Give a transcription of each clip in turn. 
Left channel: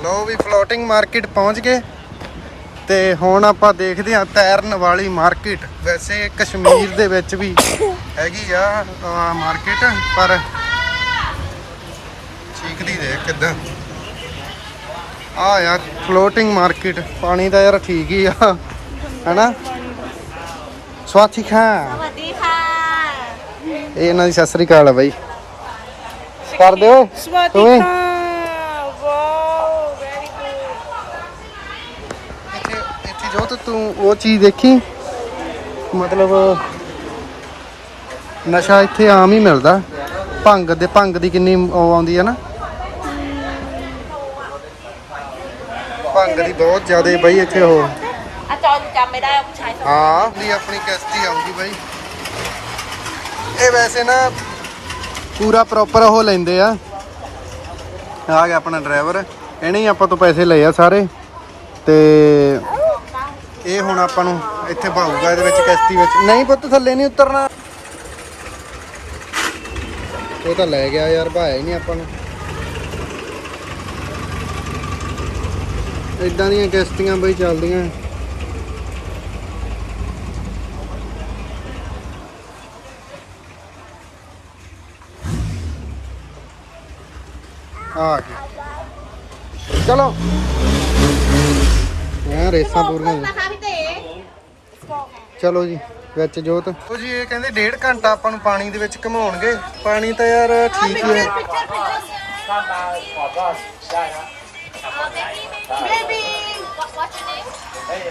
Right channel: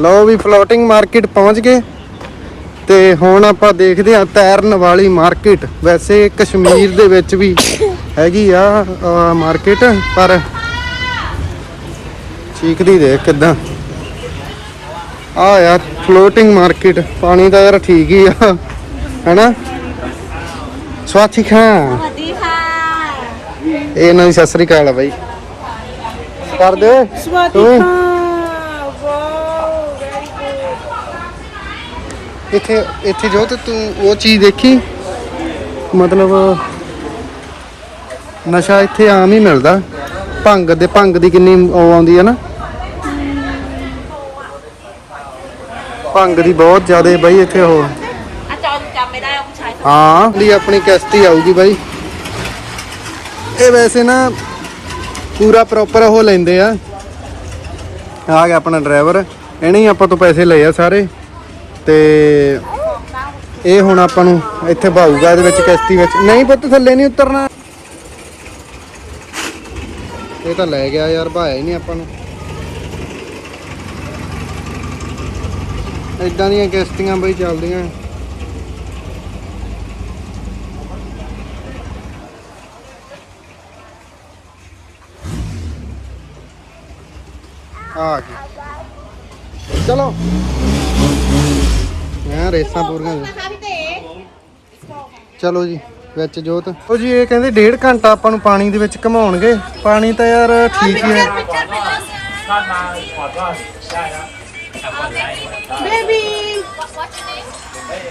ਲਓ ਵੀ floating market ਪਹੁੰਚ ਗਏ। ਤੇ ਹੁਣ ਆਪਾਂ ਦੇਖਦੇ ਆ ਤੈਰਨ ਵਾਲੀ ਮਾਰਕੀਟ ਵੈਸੇ ਕਸ਼ਮੀਰ ਦੇ ਵਿੱਚ ਵੀ ਹੈਗੀ ਆ ਮਾਰਕੀਟ ਪਰ ਚੀਕਦੀ ਦੇਖ ਕਿਦਾਂ। ਆ ਯਾਰ ਫਲੋਟਿੰਗ ਮਾਰਕੀਟ ਪਾਣੀ ਦਾ ਯਾਰ ਠੀਕ ਹੀ ਆ ਹੈਨਾ? ਸਵਾਤੀ ਖਾਂ। ਸਵਾਤੀ ਖਾਂ। ਇਹ ਨਾ ਸਸਰੀ ਕਾਲ ਬਾਈ। ਕਰ ਦੇ ਸਵਾਤੀ ਖਾਂ। ਇੱਥੇ ਇੱਥੇ ਜੋ ਤੇ ਤੂੰ ਉਹ ਚੀਜ਼ ਦੇਖੀ? ਮਤਲਬ ਨਸ਼ਾ ਇੱਥੇ ਆਮ ਹੀ ਮਿਲਦਾ। ਭੰਗ ਦੇ ਭੰਗ ਦੀ ਕਿੰਨੀ ਆਉਂਦੀ ਹੈ ਨਾ? ਭੰਗ ਦੀ ਬਹੁਤ ਜ਼ਿਆਦਾ ਬਾਈ ਇੱਥੇ ਉਹ। ਹਾਂ ਲਈ ਆਪਣੀ ਕਿਸ਼ਤੀ ਆਊਗੀ ਬਾਈ। ਇਹ ਵੈਸੇ ਨਾ ਪੂਰਾ ਪ੍ਰੋਪਰ ਉਹ ਲੈਂਦੇ ਆ। ਆ ਗਿਆ ਆਪਣਾ ਡਰਾਈਵਰ ਇਹਨੇ ਹੀ ਆਪਾਂ ਤੋਂ ਪੈਸੇ ਲਏ ਆ ਸਾਰੇ। ਤੇ ਇਹ ਹੁਣ ਆਪਾਂ ਨੂੰ ਇੱਥੇ ਭਾਊਗਾ ਇਹਦੇ ਵਿੱਚ ਕਿਸ਼ਤੀ ਵਿੱਚ। ਨਹੀਂ ਪੁੱਤ, ਥੱਲੇ ਨਹੀਂ ਉਤਰਨਾ। ਇਹ ਤਾਂ ਲੈ ਗਿਆ ਯਾਰ, ਭਾਇਆ ਹੀ ਨਹੀਂ ਆਪਾਂ ਨੂੰ। ਇਦਾਂ ਦੀਆਂ ਕਿਸ਼ਤੀਆਂ ਬਈ ਚੱਲਦੀਆਂ। ਆ ਗਈ ਚਲੋ। ਸਾਰੀਆਂ ਰੇਸਾਂ ਪੂਰੀਆਂ ਜੀ ਚਲੋ ਜੀ ਵਿੱਚ ਜੋਤ। ਉਹ ਜੀ ਇਹ ਕਹਿੰਦੇ 1.5 ਘੰਟਾ ਆਪਾਂ ਨੂੰ ਪਾਣੀ ਦੇ ਵਿੱਚ ਘਮਾਉਣਗੇ। ਪਾਣੀ ਤਾਂ ਯਾਰ ਠੀਕ ਹੀ ਹੈ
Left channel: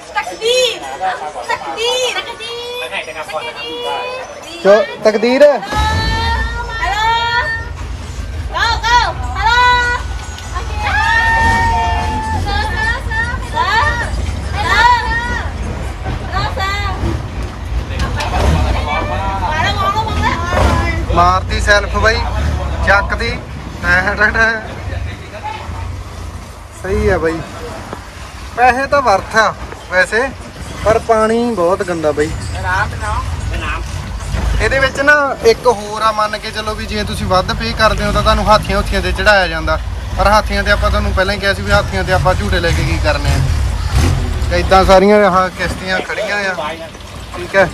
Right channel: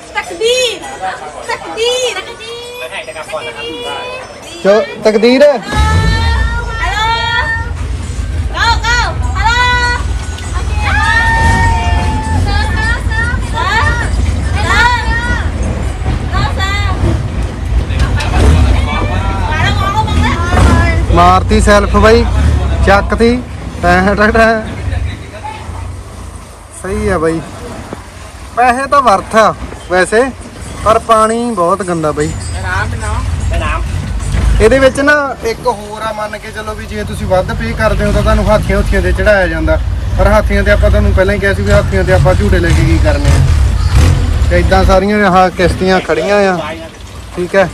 ਤਕਦੀਰ। ਤਕਦੀਰ। ਤਕਦੀਰ ਤਕਦੀਰ? ਮਾਰਤੀ ਸੈਲਫ ਬਾਈ, ਚੱਕਤੀ। ਟੈ ਸਹੀ ਆ ਬਾਈ। ਪੈਸੇ ਤਾਂ ਵਰਥ ਆ ਵੈਸੇ, ਪਰ ਪਾਣੀ ਬਹੁਤ ਗੰਦਾ ਬਾਈ। ਇਹਦੇ ਵਿੱਚ ਨਾ ਇੱਕ ਹੋਰ ਆ, ਮੰਨ ਕੇ ਚੱਲੋ ਵੀ ਜੇ ਤੁਸੀਂ ਵੱਧ ਪੇ ਕਰਦੇ ਹੋ ਤਾਂ ਤੁਹਾਨੂੰ ਹਾਥੀਆਂ ਉੱਥੀਆਂ ਤੇ ਚੜਾਇਆ ਜਾਂਦਾ। ਪਰ ਹਾਥੀਆਂ ਤੇ ਆਪਾਂ ਤੁਹਾਨੂੰ ਪਹਿਲਾਂ ਹੀ ਕਿਹਾ ਸੀ ਵੀ ਹਾਥੀਆਂ ਤੇ ਆਪਾਂ ਝੂਟੇ ਲੈ ਕੇ ਕੀ ਕਰਨੇ ਆ। ਤੇ ਇਦਾਂ ਸਾਰੀਆਂ ਆਹ ਕਿਸ਼ਤੀਆਂ ਖੜੀਆਂ ਆ। ਠੀਕ ਹੈ।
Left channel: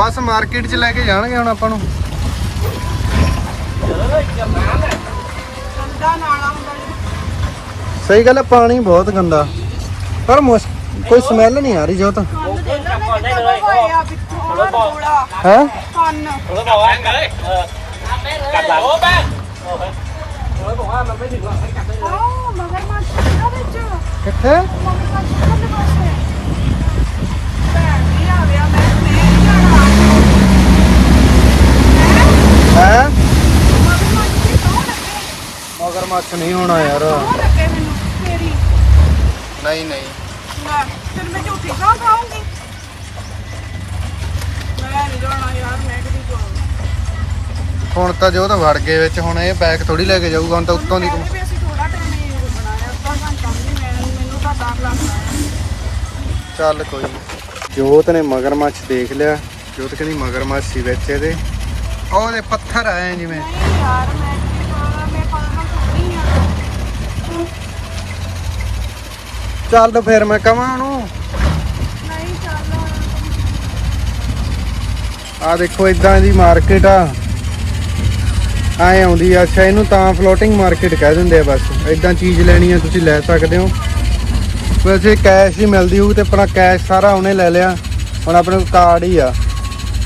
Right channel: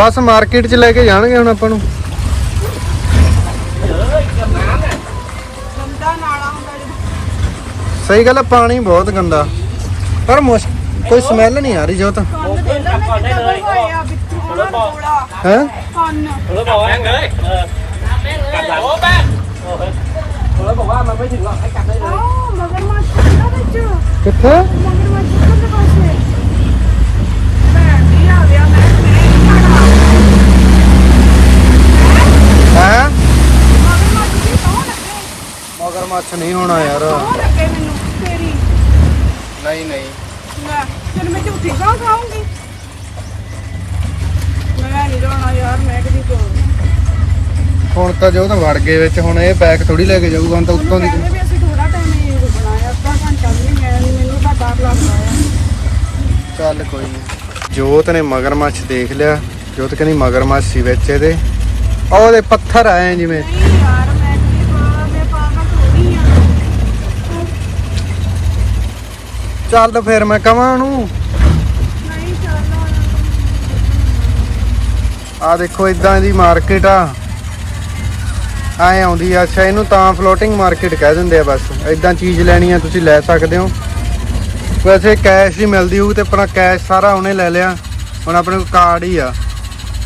ਬਸ ਮਾਰਕੀਟ 'ਚ ਲੈ ਕੇ ਜਾਣਗੇ ਹੁਣ ਆਪਾਂ ਨੂੰ। ਸਹੀ ਗੱਲ ਆ, ਪਾਣੀ ਬਹੁਤ ਗੰਦਾ। ਪਰ ਮੁਸ਼ ਕੋਈ ਸਮੈਲ ਨਹੀਂ ਆ ਰਹੀ ਜੋ ਤਾਂ। ਹੈ? ਕਿੱਥੇ? ਨਹੀਂ ਹੋਣਾ ਯਾਰ ਨਹੀਂ ਨਹੀਂ ਹੁਣ ਤਾਂ ਜੋ ਤਾਂ ਵੜ ਗਏ ਵਿੱਚ ਹੁਣ ਇਹ ਬੈਗ ਥੋੜੀ ਲੈ ਕੇ ਜਾਊਗਾ ਹੁਣ ਤਾਂ ਉੱਤੋਂ ਦੀ ਚੱਲ ਕੋਈ ਨਹੀਂ ਜੋਤ ਨੇ ਮਗਰਮੱਛ ਦੇਖ ਲਿਆ। ਜੋਤ ਕਹਿੰਦੀ ਮਗਰਮੱਛ ਸੀ ਵਿੱਚ ਇਹਦੇ। ਉਹ ਉਹਦੇ ਪੱਥਰ ਆਏ ਜਿਵੇਂ। ਚੱਲ ਫਿਰ ਮੈਂ ਕਵਾਂ ਉਹਨੂੰ। ਆ ਦੇਖੋ ਇਦਾਂ ਦੀ ਮਾਰਕੀਟ ਆ। ਆਏ ਆਉਂਦੀ ਆ। ਅੱਛਾ, ਇਹਨੂੰ ਤਾਂ ਫਲੋਟਿੰਗ ਮਾਰਕੀਟ ਕਹਿ ਦਿੰਦੇ ਆ ਬਸ। ਇਦਾਂ ਚੀਜ਼ ਲੈਣੀ ਆ, ਤੁਸੀਂ ਲੈ ਸਕਦੇ ਹੋ। ਵੈਸੇ ਕੈਸ਼ ਹੀ ਮਿਲਦੀ ਉਹ ਤੇ ਆਪਣਾ ਕੈਸ਼ ਸਾਰਾ ਉਹਨੇ ਲੈ ਲਿਆ। ਹੁਣ ਆਪਣੇ ਕੋਲ ਕਾਰਡ ਹੀ ਆ।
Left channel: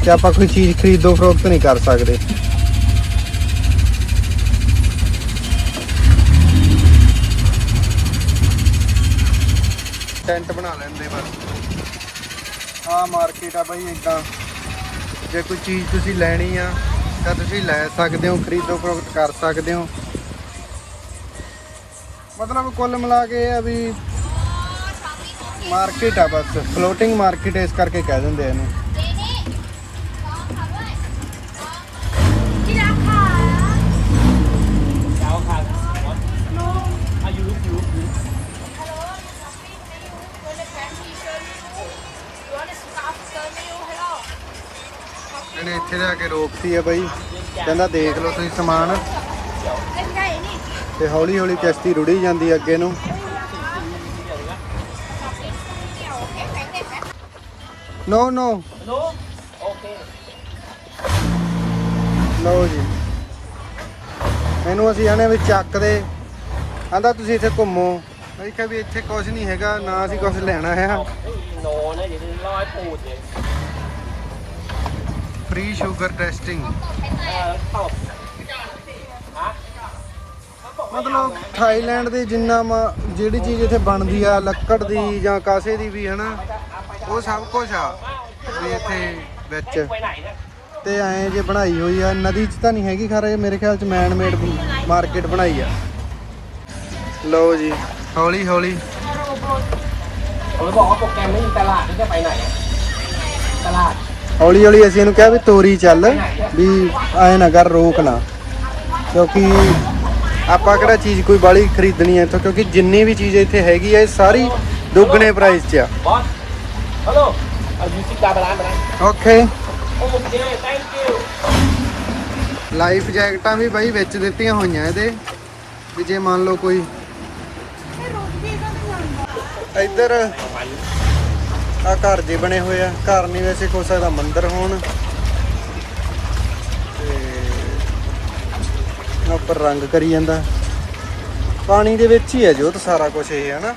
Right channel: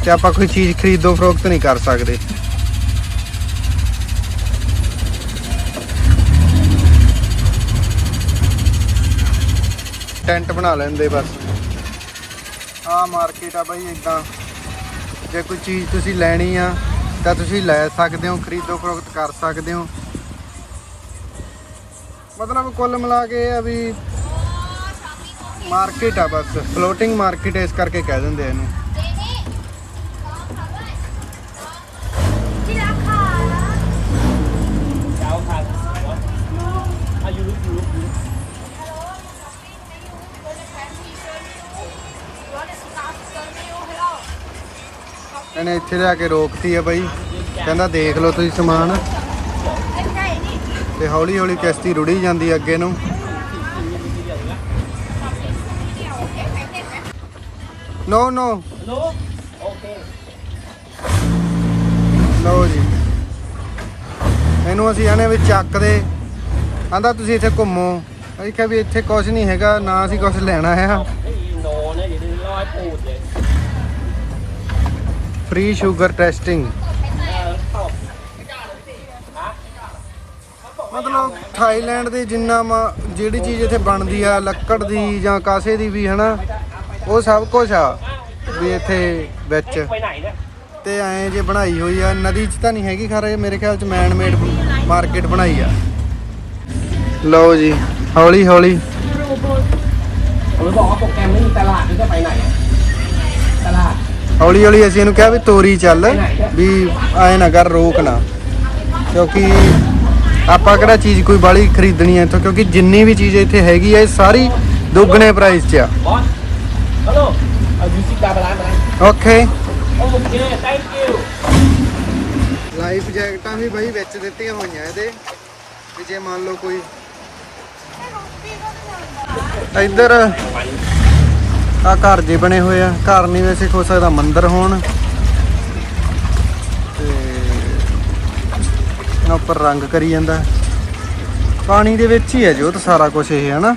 ਤੇ ਆਪਾਂ ਕੋਈ ਚੀਜ਼ ਖਰੀਦੋ ਫਰੋਖਤ ਨਹੀਂ ਕਰ ਸਕਦੇ। ਬਣਾ ਲੈਂਦੇ ਬਸ। ਆ ਮਾਰਕੀਟ ਆ ਬਈ ਇਦਾਂ ਜੇ ਕੋਈ ਚੀਜ਼ ਤੁਸੀਂ ਲੈਣੀ ਆ ਤਾਂ ਤੁਸੀਂ ਲੈ ਸਕਦੇ ਹੋ ਖਰੀਦੋ ਫਰੋਖਤ ਕਰ ਸਕਦੇ ਹੋ। ਮਤਲਬ ਕੁੱਲ ਮਿਲਾ ਕੇ ਆ ਵੀ ਮਾਰਕੀਟ ਆ ਬਸ। ਫਲੋਟਿੰਗ ਮਾਰਕੀਟ ਇਸ ਕਰਕੇ ਕਹਿ ਦਿੰਦੇ ਇਹਨੂੰ। ਇਹਨੇ ਇੱਥੇ ਲਿਆ ਕੇ ਰੋਕਤੀ ਹੈ ਬਾਈ। ਕਹਿੰਦਾ ਦੇਖ ਲਓ ਤੁਸੀਂ ਸਮਾਨ। ਹੌਲੀ ਹੌਲੀ ਕਿਸ਼ਤੀ ਰੁੜੀ ਜਾਂਦੀ ਹੈ ਅੱਗੇ ਨੂੰ। ਨੋ ਨੋ। No? Okay. ਇਹਨੂੰ ਅਸੀਂ ਇਹਨੇ ਵਿੱਚ ਚੱਕਦੇ। ਆਂਦਾ ਤੁਸੀਂ ਇੱਥੇ ਘੁੰਮੋ। ਅਸੀਂ ਕਿਹਾ ਵੀ ਇੱਥੇ ਕੁਝ ਨਹੀਂ ਹੈਗਾ, ਨਾ ਅਸੀਂ ਕੁਝ ਲੈਣਾ ਹੈ ਫ੍ਰੀ ਸ਼ੂਗਰ ਟੈਸਟਿੰਗ ਮਤਲਬ ਥਾਈਲੈਂਡ ਦੇ ਜਿੰਨਾ ਜਿਹੜੀ ਚੀਜ਼ ਇੱਥੇ ਬਣਦੀ ਆ, ਲੱਕੜ ਦੀ ਜਾਂ ਕਾਸੇ ਦੀ ਵੀ, ਹਨਾ, ਉਹ ਸਭ ਕੁਝ ਆ ਵੀ ਇੱਥੇ ਵਿੱਚ। ਤੇ ਐਂ ਜੇ ਬਣਾਈ ਹੋਈ ਆ, ਨਦੀ 'ਚ ਤਾਂ ਨਹੀਂ ਹੈਗੀ ਖਰੇ, ਮੇਰੇ ਖਿਆਲ 'ਚ ਮੈਨ ਮੇਡ ਮਾਰਕੀਟ ਬਣਾਈ ਆ। ਲਓ ਜੀ, ਹੌਲੀ ਹੌਲੀ। Nó bỏ có kem đến Đà Lạt đến cái tay ਹੌਲੀ ਹੌਲੀ ਅਸੀਂ ਇਹਨੂੰ ਕਿਹਾ ਵੀ ਤੋਰੀ ਚੱਲ, ਵੀ ਐਂ ਨਾ ਕਰ, ਰੋਕ ਨਾ। ਕਿਉਂਕਿ ਆਪਾਂ ਕਿਹੜਾ ਚੀਜ਼ ਕੋਈ ਬਾਲੀ ਖਰੀਦਣੀ ਹੈ ਇੱਥੋਂ, ਕਿਉਂਕਿ ਜਿੰਨੀ ਵੀ ਚੀਜ਼ ਇੱਥੇ ਹੈਗੀ ਹੈ ਸਾਰੀ ਦੁੱਗਣੇ ਪ੍ਰਾਈਸ 'ਚ ਆ। ਓਕੇ ਲਾਈਫ ਜੈਕਟਾਂ ਵੀ ਬਾਈ ਵਿੱਚ ਦਿੱਤੀਆਂ ਹੋਈਆਂ ਇਹਦੇ। ਵੀ ਜੇ ਮੰਨ ਲਓ ਕੋਈ ਇੱਧਰ ਆ ਘਰ ਜੇ ਬਣੇ ਹੋਏ ਆ। ਘਰ ਨਹੀਂ ਵੈਸੇ ਕੋਈ ਸਕਦਾ ਮੰਦਿਰ ਹੋਣ। ਆਹ ਉੱਪਰ ਰੰਗ ਕਰੀ ਜਾਂਦਾ। ਪਾਣੀ ਦੇ ਵਿੱਚ ਹੀ ਹੈ ਜੋ ਤਾਂ ਸਾਰਾ ਕੁਝ ਇਹ ਹੈ ਨਾ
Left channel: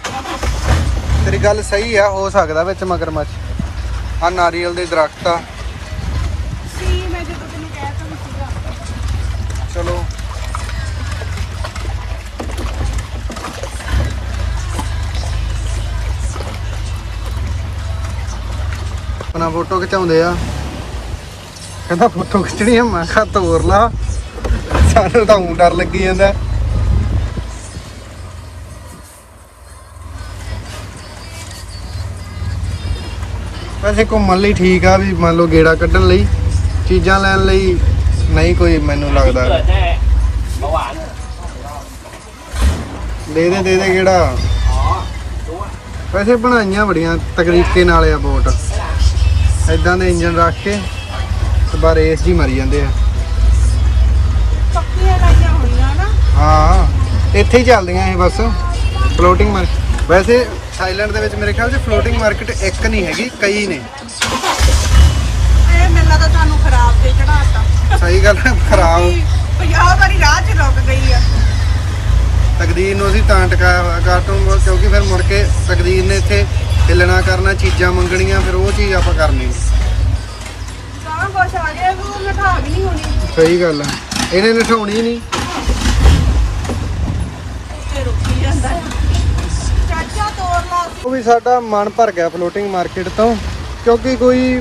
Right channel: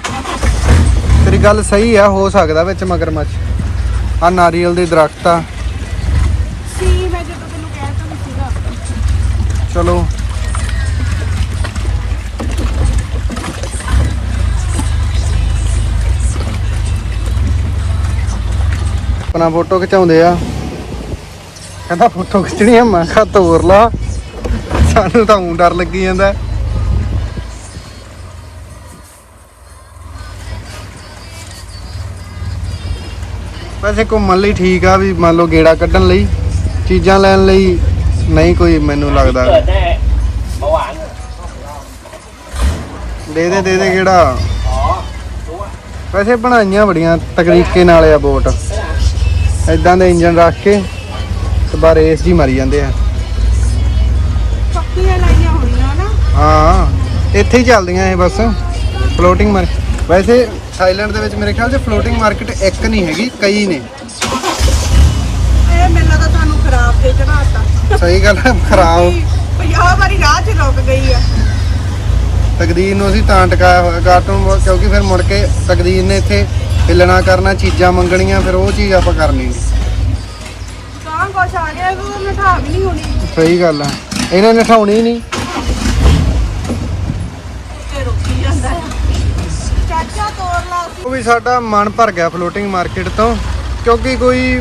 ਤੇਰੀ ਗੱਲ ਸਹੀ ਆ ਹੋ ਸਕਦਾ ਵਿੱਚ ਮਗਰਮੱਛ। ਆ ਨਾਰੀਅਲ ਦੇ ਦਰਖਤ ਆ। ਸੀ ਮੈਂ ਜਦੋਂ ਤੈਨੂੰ ਕਹਿ ਤਾ ਵੀ ਸੀਗਾ। ਚਲੋ। ਆਪਣਾ ਫੋਟੋ ਖਿਚਾਉਂਦੇ ਆ। ਕਹਿੰਦਾ ਫੋਟੋ ਖਿੱਚਣੀ ਆ, ਮੈਂ ਕਿਹਾ ਤੋਰ ਲਾ। ਸਾਨੂੰ ਤਾਂ ਡਰ ਲੱਗੀ ਜਾਂਦਾ। ਵੈਸੇ ਘੁੰਮਣ ਲਈ ਠੀਕ ਆ ਵੀ ਮੰਨ ਲਓ ਗੇੜਾ ਕੱਢਣ ਲਈ, ਚੀਜ਼ਾਂ ਲੈਣ ਲਈ ਨਹੀਂ ਕੋਈ ਮੈਨੂੰ ਲੱਗਦਾ। ਦੇ ਦੇ ਦੇ ਦੇ ਕਿਹੜਾ ਵੈਸੇ ਬਣਾਈਆਂ ਬੜੀਆਂ ਤਕਰੀਕੇ ਨਾਲ ਆ ਬੋਟ। ਐਦਾਂ ਦੇ ਇੰਜਨ ਰੱਖ ਕੇ ਤੇ ਬਾਹਰ ਰੇਸ ਜੀ ਮਾਰੀ ਜਾਂਦੇ ਆ। ਪੱਕੀਆਂ ਲਾਈਆਂ ਹੋਈਆਂ ਨਾ। ਹਾਂ ਇੱਥੇ ਹੀ ਚੱਲਦੀਆਂ ਇਹ ਬਸ ਫਲੋਟਿੰਗ ਮਾਰ ਵੈਸੇ ਥਾਈਲੈਂਡ ਦੇ ਵਿੱਚ ਮੇਰੇ ਖਿਆਲ 'ਚ ਫਲੋਟਿੰਗ ਮਾਰਕੀਟ ਇੱਕ ਨਹੀਂ ਹੈਗੀ ਕਈ ਨੇ। ਇਹ ਮੈਨੂੰ ਤਾਂ ਤੁਹਾਨੂੰ ਖਰਾਬ ਤੇ ਚੜਾਤਾ ਸਹੀ ਗੱਲ ਹੈ ਖਰਾਬ। 50 ਵਾਰੀ ਰਾਹ 'ਚ ਰੁਕ ਗਈ ਆ। ਤਕਦੀਰ ਨੂੰ ਅਸੀਂ ਤਾਂ ਟਕਾਇਆ ਹੋਇਆ ਕਾਰਟੂਨ ਕਿਉਂਕਿ ਫਿਰ ਮੁੜ ਕੇ ਤਕਦੀਰ ਨੇ ਇੱਥੇ ਹਿੱਲਣਾ ਕਰਨਾ ਚੀਜ਼ਾਂ ਮੰਗਣੀਆਂ ਫਿਰ ਉਹ ਚੀਜ਼ ਆਪਾਂ ਕਰਨੀ। ਨਹੀਂ ਗਾਂ ਕੁਛ ਆ ਗਿਆ ਵੀ ਉਹ ਮਿਠਾ ਵੀ ਨਹੀਂ ਹੋਣੀ। ਸਹੀ ਗੱਲ ਆ। ਇਹਨੇ ਨਠਾਉਣੀ ਨਹੀਂ ਤੇ ਰੁਕੀ ਜਾਂਦਾ। ਆ ਚਾਚਾ ਤੋਰ ਲਾ। ਉਹ ਵੀ ਸਾਡਾ ਮਨ ਭਰ ਗਿਆ ਫਲੋਟਿੰਗ ਮਾਰਕੀਟ ਤੋਂ ਕਿਉਂਕਿ ਕੋਈ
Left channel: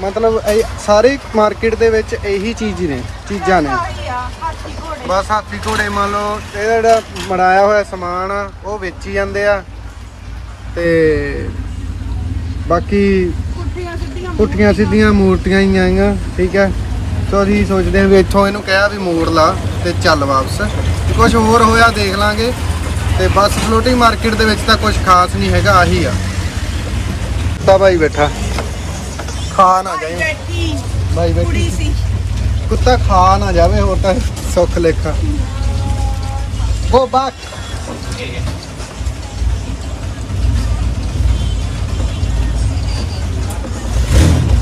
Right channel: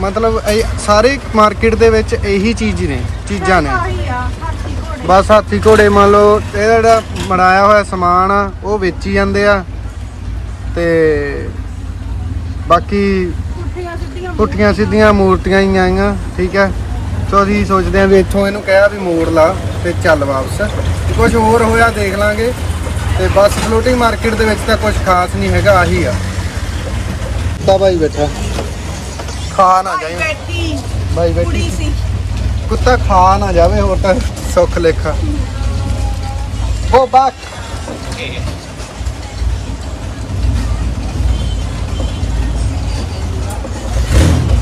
ਮਤਲਬ ਇਹ- ਸਾਰੇ ਮਾਰਕੀਟ ਦੇ ਵਿੱਚ ਇਹੀ ਚੀਜ਼ ਹੀ ਨੇ ਚੀਜ਼ਾਂ ਨੇ। ਆਹੀ ਆ ਹਾਥੀ ਘੋੜੇ। ਬਸ ਹਾਥੀ ਘੋੜੇ ਮੰਨ ਲਓ ਇਹ ਜਿਹੜਾ ਬਣਾਇਆ ਹੋਇਆ ਸਮਾਨ ਆ ਉਹ ਵੇਚੀ ਜਾਂਦੇ ਆ। ਤੇ ਬਾਕੀ ਪੁੱਠੀਆਂ ਸਿੱਧੀਆਂ ਮੂਰਤੀਆਂ ਹੀ ਆਈਆਂ ਠੀਕ ਹੈ? ਸੋ ਅਸੀਂ ਸੋਚਦੇ ਆ ਵੀ ਇੱਥੋਂ ਇਹਨੂੰ ਕਿਹਾ ਵੀ ਮੋੜ ਲਾ ਤੇ ਚੱਲ ਵਾਪਸ। ਕੁਝ ਹੋਰ ਹੋਇਆ ਦੇਖ ਲਾਂਗੇ ਤੇ ਬਸ ਫਲੋਟਿੰਗ ਮਾਰਕੀਟ ਦੇ ਵਿੱਚ ਤਾਂ ਕੁਝ ਖਾਸ ਨਹੀਂ ਹੈਗਾ ਆਹੀ ਆ। ਤਾਂ ਭਾਈ ਬੈਠਾ। ਖਾ ਨਾ ਜਾਏ ਭਾਈ ਬੈਠੀ। ਸੀ। ਕੁੱਤਾ ਖਾ ਨਾ ਜਾਵੇ ਹੋਰ ਤਾਂ ਸੁੱਖ ਲੇਖਾ। Go back.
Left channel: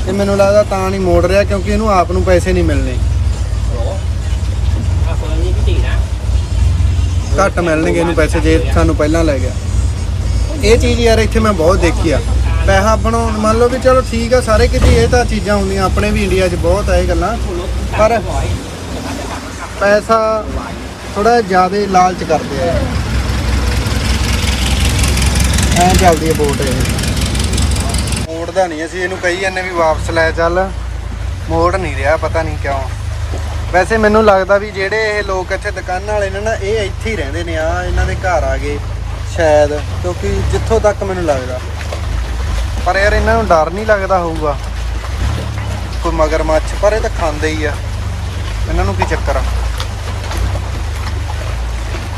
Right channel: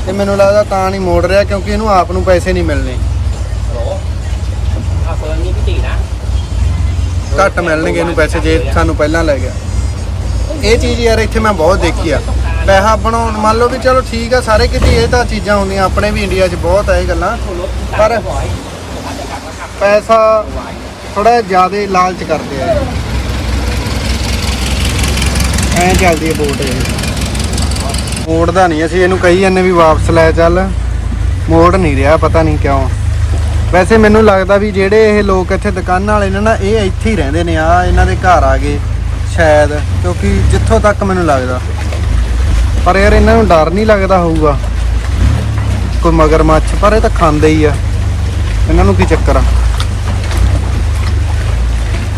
ਇਹ ਮੈਨੂੰ ਲੱਗਦਾ ਤਾਂ ਨਹੀਂ ਮੋੜ ਰਿਹਾ ਕਿਉਂਕਿ ਇਹਨੂੰ ਆਪ ਨੂੰ ਪੈਸੇ ਨਹੀਂ ਮਿਲਣੇ। ਘੱਟ ਮਿਲਣਗੇ ਇਹਨੂੰ ਪੈਸੇ ਜੇ ਸਾਨੂੰ ਪਹਿਲਾਂ ਲੈ ਗਿਆ। ਇਹ ਚੀਜ਼ ਯਾਰ ਇੱਥੇ ਮੈਂ ਬਹੁਤ ਦੇਖੀ ਆ। ਪੈਸਾ ਬਣਾਉਣ, ਮੰਨ ਲਓ ਵੀ ਚਲੋ ਠੀਕ ਆ, ਸਾਰੇ ਕਿਤੇ ਇਹ ਤਾਂ ਚੀਜ਼ਾਂ ਹੁੰਦੀਆਂ, ਆਪਣੇ ਵੀ ਇੰਡੀਆ 'ਚ ਬਹੁਤ ਆ ਇਹ ਗੱਲਾਂ। ਪਰ ਪੈਸਾ ਥੋੜਾ ਜ਼ਿਆਦਾ ਲਾਲਚ ਕਰਦੇ ਆ। ਐਂ ਚੱਲਦੀ ਹੈ ਬੋਟ ਇਹ। ਮੋੜਦਾ ਨਹੀਂ, ਅਸੀਂ ਇਹਨੂੰ ਕਹੀ ਜਾਂਦੇ ਵੀ ਵਾਪਸ ਲੈ ਚੱਲ। ਮੋੜ ਨਹੀਂ ਰਿਹਾ, ਪਤਾ ਨਹੀਂ ਕਿਉਂ। ਵੈਸੇ ਮੈਨੂੰ ਲੱਗਦਾ ਵੀ ਜਿਹੜੇ ਇਹ ਲੋਕ ਇੱਥੇ ਦੁਕਾਨਾਂ ਵਾਲੇ ਨੇ ਨਾ, ਇਹ ਇੱਥੇ ਹੀ ਰਹਿੰਦੇ ਨੇ ਆ ਇਹਨਾਂ ਦੇ ਘਰ ਆ ਗਏ, ਸ਼ਾਇਦ, ਕਿਉਂਕਿ ਜਿੱਥੋਂ ਤੱਕ ਮੈਨੂੰ ਲੱਗਦਾ। ਪਰ ਯਾਰ ਇਹਨਾਂ ਨੂੰ ਡਰ ਨਹੀਂ ਲੱਗਦਾ ਹੋਊਗਾ। ਕੋਈ ਮਗਰਮੱਛ, ਪਰ ਇਹ ਤਾਂ ਖਾਂਦੇ ਹੀ ਆ। ਇਹਨਾਂ ਨੂੰ ਕੀ ਚੱਕਰ ਆ?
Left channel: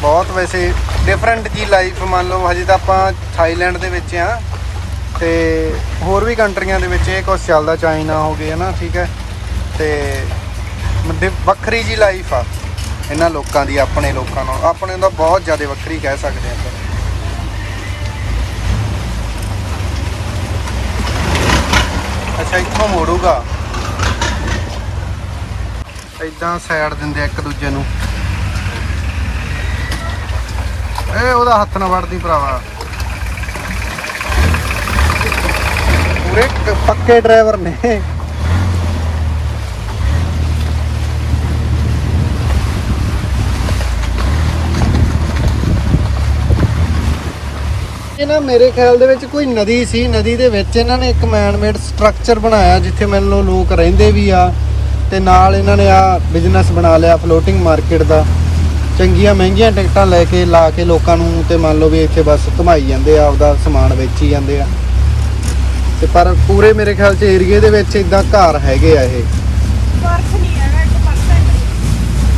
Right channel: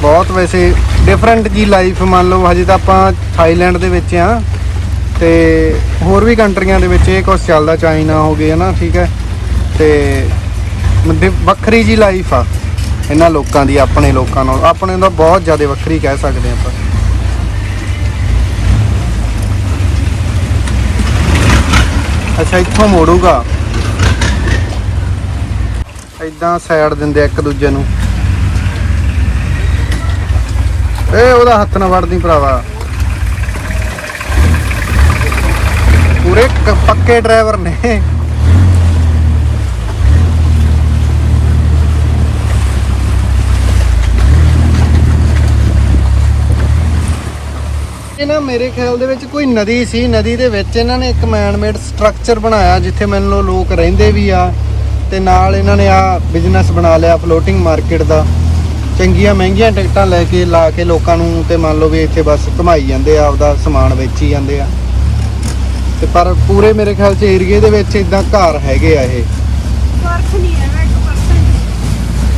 ਬਹੁਤ ਵੈਸੇ ਡਿਫਰੈਂਟ ਜੀ ਲਾਈਫ ਮੰਨ ਲਓ, ਹਜੇ ਤਾਂ ਆਪਾਂ ਥਾਈਲੈਂਡ ਦੇ ਵਿੱਚ ਆ। ਤੇ ਹੋਰ ਵੀ ਕੰਟਰੀਆਂ ਦੇ ਵਿੱਚ ਇਹ ਕੁਝ ਚੱਲਦਾ, ਚਾਈਨਾ ਹੋ ਗਿਆ ਨਾ ਠੀਕ ਹੈ। ਤੇ ਵੱਖਰੀ ਜੀ ਲਾਈਫ ਆ, ਇਹਨਾਂ ਲੋਕਾਂ ਦੀ, ਆਪਣੇ ਲੋਕਾਂ ਨਾਲ। ਆਪਣੇ ਦਾ ਬਹੁਤ ਜ਼ਿਆਦਾ ਵੱਖਰੀ ਕਹਿ ਸਕਦੇ ਆਪਾਂ। ਅੱਛਾ, ਇੱਥੋਂ ਮੋੜੂਗਾ। ਇਦਾਂ ਸਾਈਡ ਦਿੰਦੇ ਇੱਕ ਦੂਜੇ ਨੂੰ। ਏ ਉਹਦਾ ਹੱਥ ਨਾ ਵੜਦੀ ਭਰਾਵਾ। ਪੂਰੇ ਪੱਕੇ ਡਰਾਈਵਰ ਨੇ। ਇਹ ਨਾ ਮੇਰੇ ਖਿਆਲ ਦੇ ਵਿੱਚ ਕੋਈ ਨਦੀ ਸੀ। ਨਦੀ ਦੇ ਵਿੱਚ ਇਹਨਾਂ ਨੇ ਇੱਕ ਮੈਨਮੇਡ ਸਟਰਕਚਰ ਬਣਾਇਆ, ਜਿੱਥੇ ਮੈਨੂੰ ਲੋ ਲੋਕ ਰਹਿੰਦੇ ਵੀ ਆ, ਤੇ ਨਾਲ ਇਹਨਾਂ ਨੇ ਆ ਬਿਜ਼ਨਸ ਬਣਾ ਲਿਆ ਫਲੋਟਿੰਗ ਮਾਰਕੀਟ ਦਾ। ਚੰਗੀਆਂ ਮਹਿੰਗੀਆਂ ਟਿਕਟਾਂ ਲੈ ਕੇ, ਲਾ ਕੇ ਲੋਕਾਂ ਨੂੰ ਤੇ ਮੰਨ ਲਓ ਵੀ ਇੱਥੇ ਬਸ ਘੁਮਾਈ ਜਾਂਦੇ ਆ, ਆਪਦਾ ਸਮਾਨ ਵੇਚੀ ਜਾਂਦੇ ਆ। ਤੇ ਪਰ ਪੂਰੇ ਮੇਰੇ ਖਿਆਲ 'ਚ ਏਰੀਏ ਦੇ ਵਿੱਚ ਇਦਾਂ ਘਰ ਹੈਗੇ ਆ ਇਹ। ਨਹੀਂ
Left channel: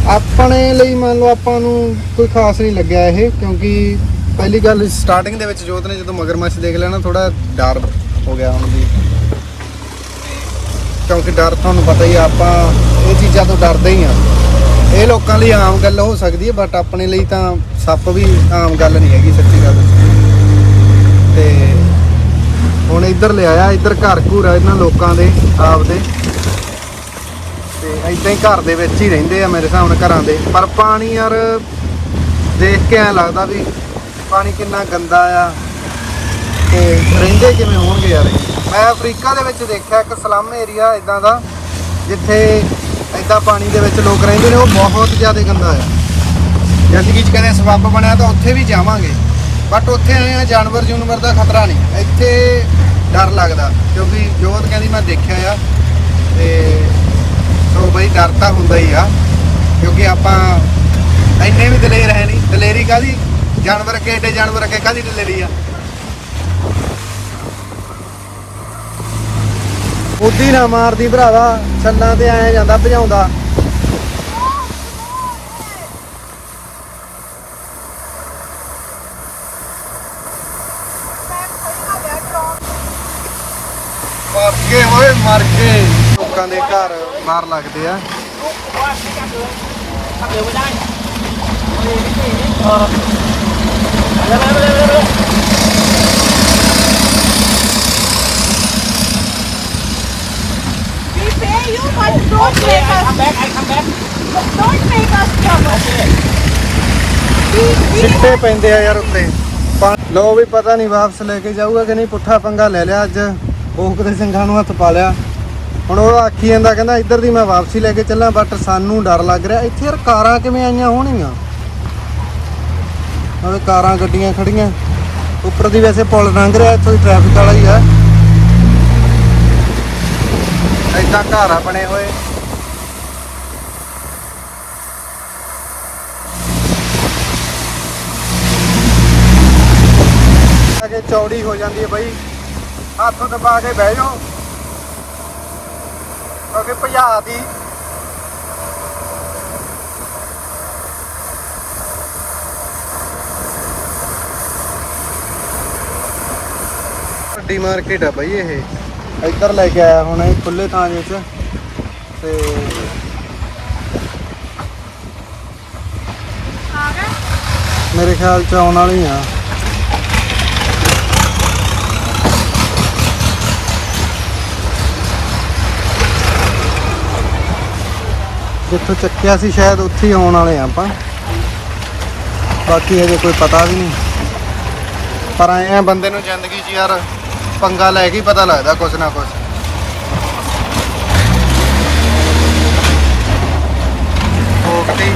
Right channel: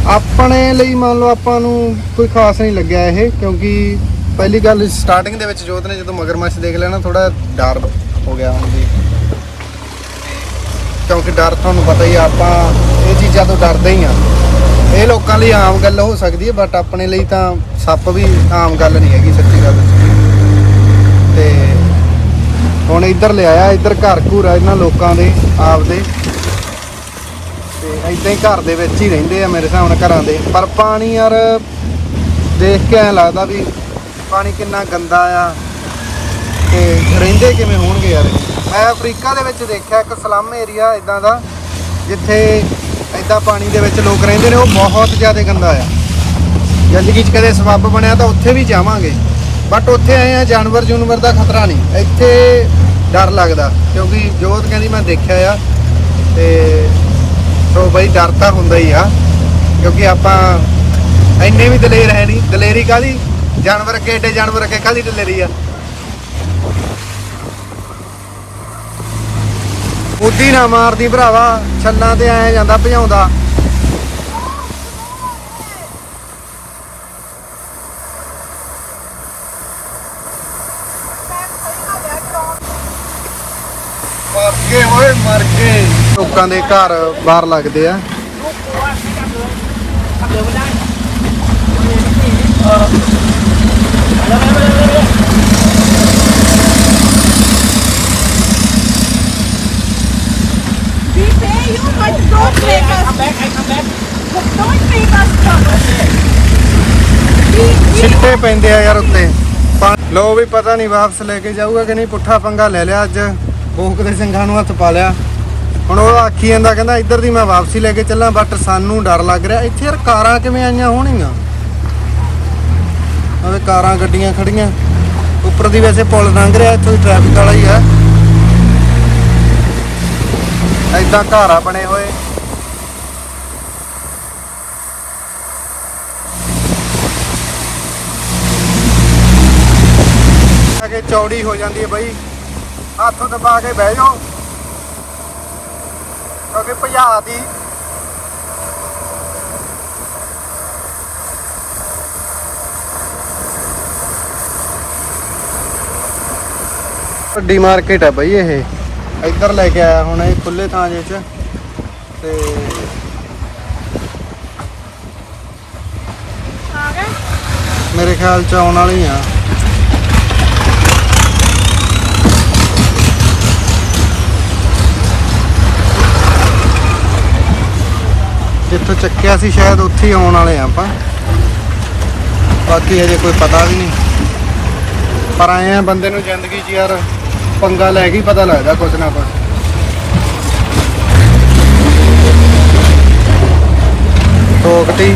ਆਪਣੇ ਲਈ ਮੰਨ ਲਓ ਆਪਾਂ ਨੂੰ ਕੋਈ ਖਾਸ ਨਹੀਂ ਲੱਗਿਆ ਇਹ ਕਿਉਂਕਿ ਪਹਿਲੀ ਗੱਲ ਸਟਾਰਟਿੰਗ ਦੇ ਵਿੱਚ ਜੋਤ ਨੇ ਜਦੋਂ ਮਗਰਮੱਛ ਦੇਖ ਲਿਆ ਨਾ ਥੋੜਾ ਡਰ ਹੋ ਗਿਆ ਹੁਣ ਵੀ ਕਿਉਂਕਿ ਡਰ ਤੁਹਾਨੂੰ ਪਤਾ ਹੀ ਆ ਆਪਾਂ ਇਹ ਚੀਜ਼ਾਂ ਤੋਂ ਡਰਦੇ ਹੀ ਆ। ਇਹ ਲੋਕਾਂ ਲਈ ਆਮ ਗੱਲ ਹੋ ਸਕਦੀ ਹੈ ਬਟ ਆਪਣੇ ਲਈ ਤਾਂ ਸੱਪ ਵੀ ਆਮ ਗੱਲ ਨਹੀਂ ਹੈਗੀ ਸੱਚੀ ਗੱਲ। ਤੇ ਹੁਣ ਇੱਧਰ ਲਿਆਇਆ ਇੱਧਰ ਘਰ ਘੂਰ ਆ ਇਹਨਾਂ ਲੋਕਾਂ ਦੇ, ਆਪਦੇ। ਤੇ ਇਦਾਂ ਹੀ ਘਰ ਦੇ ਵਿੱਚ ਹੀ ਰਹਿੰਦੇ ਆ ਮੇਰੇ ਹਿਸਾਬ ਨਾਲ ਘਰਾਂ ਦੇ। ਪਰ ਪਾਣੀ ਯਾਰ, ਦੇਖ ਕੇ ਐ ਲੱਗਦਾ ਵੀ ਪਾਣੀ ਕਿੰਨਾ ਗੰਦਾ ਆ। ਤੇ ਰਹਿੰਦੇ ਕਿਵੇਂ ਹੋਣਗੇ ਯਾਰ? ਮੈਂ ਅਫਰੀਕਾ ਦੇ ਵਿੱਚ ਦੇਖਿਆ, ਇੱਕ ਸਲਮ ਏਰੀਆ ਇਦਾਂ ਦਾ, ਜਿੱਥੇ ਇਦਾਂ ਪਾਣੀ ਦੇ ਵਿੱਚ ਲੋਕ ਰਹਿੰਦੇ ਨੇ, ਉਹ ਬਹੁਤ ਜ਼ਿਆਦਾ ਗੰਦਾ ਆ। ਜ਼ਿੰਦਗੀ 'ਚ ਕਦੇ ਸਬੱਬ ਬਣਿਆ ਤਾਂ ਉੱਥੇ ਵੀ ਜਾਵਾਂਗੇ। ਬਟ ਉੱਥੇ ਆਏ ਆ, ਜਾਨਵਰ ਜੂਨਵਰ ਦਾ ਖਤਰਾ ਨਹੀਂ। ਇੱਥੇ ਡਰ ਲੱਗਦਾ, ਕਿਉਂਕਿ ਜੋਤ ਕਹਿੰਦੀ, ਮੈਂ ਦੇਖਿਆ ਆ। ਤੇ ਸੋ ਬਈ ਡਰ ਤਾਂ ਹੁੰਦਾ ਹੀ ਆ, ਕਿਉਂਕਿ ਆਪਾਂ ਇੰਨੇ ਵੀ ਦਲੇਰ ਹੈ ਨਹੀਂ। ਦਲੇਰੀ ਕਾਦੀ ਜਾਨਵਰ ਅੱਗੇ ਏਡੇ, ਜਾਨਵਰ ਅੱਗੇ ਕਾਦੀ ਦਲੇਰੀ ਆ? ਉਦੀ ਨਾ ਮਾਰਦੀ ਭਰਾਵਾ ਛੱਲਾਂ ਤੇ ਆਇਆ ਜਾਂਦਾ, ਭਜਾਉਂਦਾ ਮਰ ਗਏ ਓਏ ਮਰ ਗਏ ਲੋਕਾਂ ਦੇ ਘਰ ਬਾਹਰ ਲੱਗਦੇ ਆ। ਲੋ ਵੀ ਪਤਾ ਨਹੀਂ ਵਾਪਸ ਲੈ ਕੇ ਜਾਊਗਾ ਕਿ ਨਹੀਂ ਪੁੱਠਾ ਪੰਗਾ ਲੈ ਲਿਆ ਅੱਜ। ਭੋਗ ਦੇ ਸਿੰਘਾਂ ਨੂੰ ਹੱਥ ਪਾ ਲਿਆ। ਹੁਣ ਉਹ ਆਖੀ ਜਾਂਦਾ, ਕਹਿੰਦਾ ਇੱਧਰ ਦੀ ਮੈਂ ਵਾਪਸੀ ਲੈ ਕੇ ਚੱਲਾਂ ਬਟ ਸਾਨੂੰ ਡਰ ਲੱਗ ਰਿਹਾ। ਇੱਥੇ ਯਾਰ ਕਾਰਾਂ ਕਿਵੇਂ ਆਈਆਂ ਹੋਣਗੀਆਂ? ਉਹ ਕਾਰਾਂ, ਗੱਡੀਆਂ ਖੜੀਆਂ। ਉੱਪਰ ਦੀ ਵੈਸੇ ਪੁਲ ਲੰਘ ਰਿਹਾ, ਇੱਥੋਂ ਟ੍ਰੈਫਿਕ ਵਾਲਾ ਹੀ ਆ। ਐਦਾਂ ਘਰ ਬਣੇ ਹੋਏ। ਚੌੜੀ ਹੋ ਜਾਂਦੀ ਹੈ ਬਾਈ। ਹੱਥ ਦਬਾ ਕੇ ਬਹਿ ਜਾਓ। ਕਿਉਂਕਿ ਭਜਾ ਦੀ। ਵੱਡੀ ਮਾਰਕੀਟ ਹੈ ਬਾਈ ਇਹ। ਇੱਧਰ ਲੈ ਕੇ ਆਇਆ ਹੁਣ ਇਹ ਖੁੱਲੇ ਥਾਂ ਜਿਹੇ ਚ। ਤੇ ਆ ਗਿਆ। ਮੇਰੇ ਖਿਆਲ ਚ ਆਉਣ ਵਾਲੇ ਆ ਜਿੱਥੋਂ ਚੱਕਿਆ ਸੀ ਸ਼ਾਇਦ ਉੱਥੇ ਹੀ ਆਉਣ ਵਾਲੇ ਆ ਆਪਾਂ ਬਾਕੀ ਅਜੇ ਕੋਈ ਪਤਾ ਵੀ ਨਹੀਂ ਪਰ ਆਏ ਆ ਬੰਦੇ ਨੂੰ ਯਾਰ ਪੰਗਾ ਲੈ ਕੇ ਹੀ ਪਤਾ ਲੱਗਦਾ ਕੁਛ ਨਾ ਕੁਛ। ਠੋਕਤੀ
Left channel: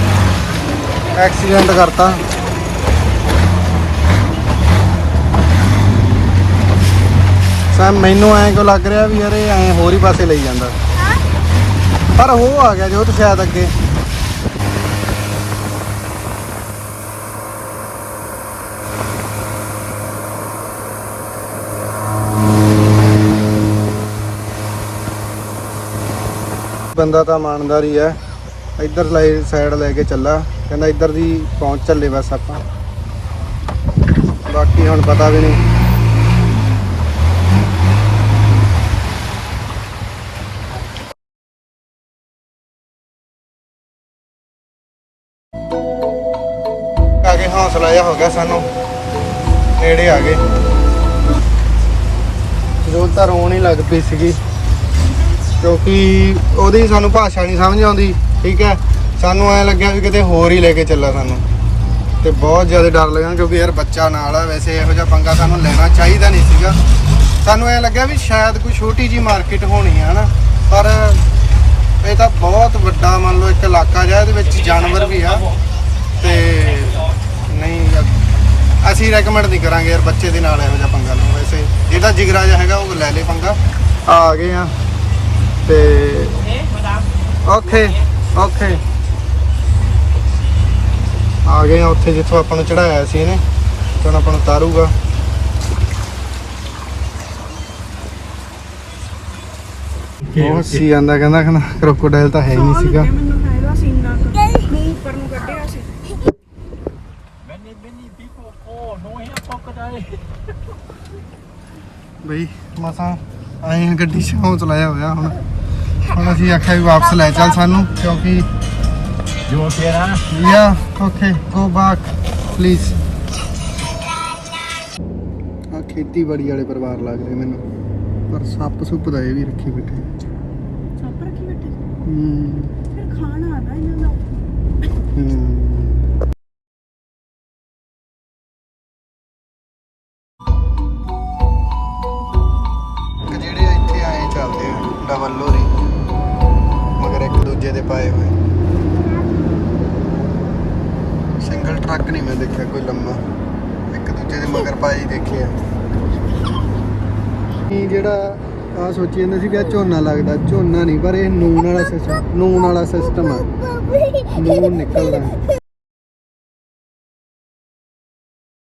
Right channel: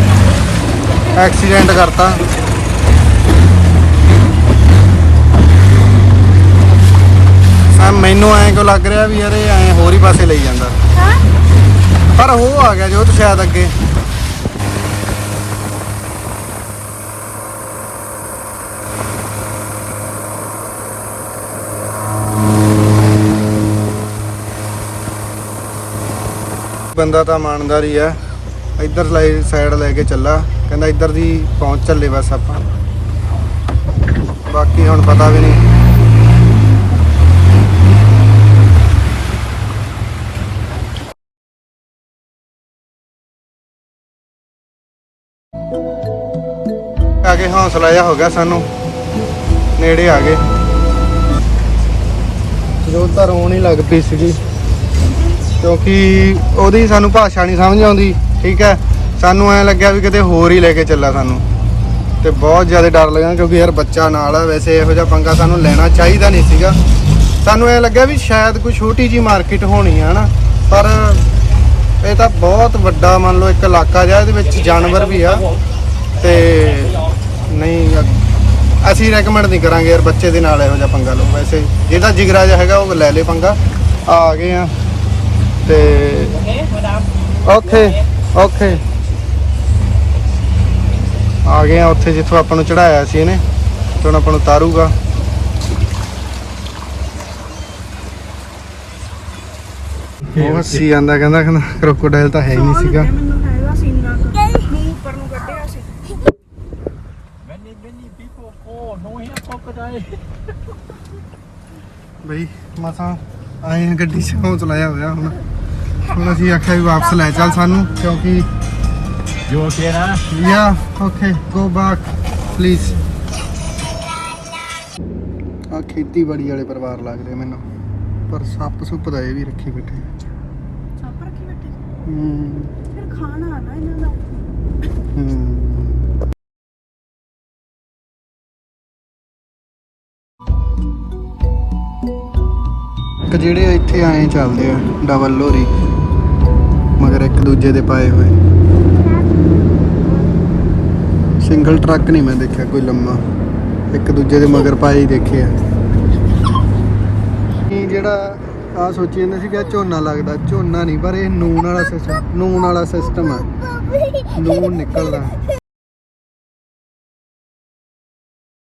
ਐਕਸੀਡੈਂਟ ਕਰਤਾ। ਸਰ, ਮੈਨੂੰ ਐਂ ਕਿਉਂ ਲੱਗ ਰਿਹਾ ਵੀ ਯਾਰ ਇਹ ਐਂ ਹੋਰ ਹੀ ਪਾਸੇ ਲਈ ਜਾਂਦਾ ਹਾਂ ਪਰ ਉਹ ਆ ਗਿਆ ਜੋ ਤੇ ਸ਼ਾਇਦ ਅੱਗੇ ਬੰਦਾ ਤਾਂ ਇਮਾਨਦਾਰ ਹੀ ਆ ਇੱਧਰ ਸਾਈਡ ਲੈ ਕੇ ਚੱਲਾ ਕਹਿੰਦਾ ਇੱਧਰ ਦੀ ਪਹੁੰਚ ਚਲਾ ਹੋ ਗਿਆ ਸਾਨੂੰ। ਨੇੜੇ ਆ ਗਏ। ਜੋ ਤਾਂ ਰੋਣ ਹੀ ਲੱਗ ਪਈ ਸੀਗੀ। ਕਿਉਂਕਿ ਉਹਦੀ ਸਾਨੂੰ ਭਾਸ਼ਾ ਨਹੀਂ ਸਮਝ ਆਉਂਦੀ, ਠੀਕ ਹੈ? ਸਾਨੂੰ ਐ ਲੱਗਿਆ ਵੀ ਕਿਤੇ ਹੋਰ ਹੀ ਲੈ ਕੇ ਚੱਲਾ ਸਾਨੂੰ। ਤੇ ਬਹੁਤ ਜ਼ਿਆਦਾ ਡਰ ਲੱਗਾ ਕਿਉਂਕਿ ਯਾਰ ਬੱਚਾ ਨਾਲ ਆ, ਵੈਸੇ ਇਹੋ ਜਿਹਾ ਪੰਗਾ ਸਾਨੂੰ ਲੈਣਾ ਚਾਹੀਦਾ ਨਹੀਂ ਸੀਗਾ। ਸਾਨੂੰ ਐ ਲੱਗਿਆ ਵੀ ਸ਼ਾਇਦ ਕੋਈ ਛੋਟੀ ਜੀ ਮਾਰਕੀਟ ਹੋਣੀ ਆ, ਹਨਾ? ਪਰ ਇਹ ਤਾਂ ਬਹੁਤ ਵੱਡਾ ਮੰਨ ਲਓ ਇੱਕ ਇਲਾਕਾ ਜਿਹਾ, ਇਹਦੇ ਵਿੱਚ ਜਾਨਵਰ ਵੀ ਆ। ਤੇ ਨਹੀਂ ਅਸੀਂ ਰეკਮੈਂਡ ਨਹੀਂ ਕਰਾਂਗੇ ਯਾਰ ਬੱਚੇ ਦੇ ਨਾਲ ਇਹੋ ਜਿਹਾ ਪੰਗਾ ਲਓ। ਵੈਸੇ ਜਿਹਦਾ ਜਿਗਰਾ ਜਿਹਾ ਹੈਗਾ ਉਹ ਲੈ ਲੇ ਪੰਗਾ। ਆ ਗਏ ਆ। ਤੇ ਓਕੇ ਓਕੇ। ਆ ਗਏ ਆ ਉੱਥੇ ਜਿੱਥੋਂ ਆਪਾਂ ਨੂੰ ਚੜਾਇਆ ਸੀ ਇਹਨੇ ਤੇ ਹੁਣ ਆਪਾਂ ਨੂੰ ਤਾਰੂਗਾ। ਉਹ ਸੀ ਆਂਦਾ ਕਹਿੰਦਾ ਕਹਿੰਦਾ ਕ੍ਰੋਕੋਡਾਈਲ ਤਾਂ ਹੈ ਹੀ ਨਹੀਂ ਸੀਗਾ ਮੈਨੂੰ ਕਹਿੰਦਾ ਸੀਨਾ ਮੂੰਹ ਉੱਪਰ ਨੂੰ ਕੱਢਿਆ ਸੀ Many, many people go, no here crocodile. ਬਈ ਮਸਾਂ ਆਏ ਆ ਗੱਡੀ 'ਚ ਹੌਸਲਾ ਜਿਹਾ ਹੋਇਆ ਹੁਣ। ਹੁਣ ਅਸੀਂ ਆਖਿਆ ਵੀ ਵਾਪਸ ਲੈ ਚੱਲ ਸਾਨੂੰ ਕਿਉਂਕਿ see that? Yeah okay go back please ਆ ਖੇਤੀਬਾੜੀ ਵਾਲੇ ਪਰਿਵਾਰ ਲੱਗਦੇ ਮੈਨੂੰ। ਪਰ ਸੱਪ ਸੁੱਪ ਦਾ ਇਹ ਵੀ ਰੱਖੀ ਬੈਠੇ। ਸੱਪ ਰੱਖੀ ਬੈਠੀ? ਹੂੰ। ਫਿਰ ਖਾਣਾ ਆਦਾ ਇਹਨਾਂ ਦਾ। ਹੂੰ। ਜਿਹੜੇ ਇੱਥੇ ਆਏ ਚੱਲਦੇ ਆ ਡਬਲ ਲੋਰੀ, ਮਗਰ ਇੱਕ ਦੂਜੇ ਦੇ ਪਾਏ ਹੋਏ। ਸਿੰਗਲ ਟਰੱਕ ਨਹੀਂ ਮੈਂ ਦੇਖਿਆ ਕੋਈ ਲੰਮਾ। ਇੱਕ ਦੂਜੇ ਦੇ ਮਗਰ ਪਾਏ ਹੀ ਦੇਖੀ ਆ। ਇਹ ਜਿਹੜਾ ਆ ਸੋਚੀ ਜਾਂਦੇ ਸੀ ਕਿ ਆ ਝੋਨਾ ਲੱਗਦਾ, ਝੋਨਾ ਨਹੀਂ, ਪਰ ਇਹ ਨੂਨ ਵਾਲਾ ਸਿਸਟਮ ਨੂਨ ਵਾਲਾ ਸਿਸਟਮ ਆ। ਨੂਨ ਨਿਕਲਦਾ।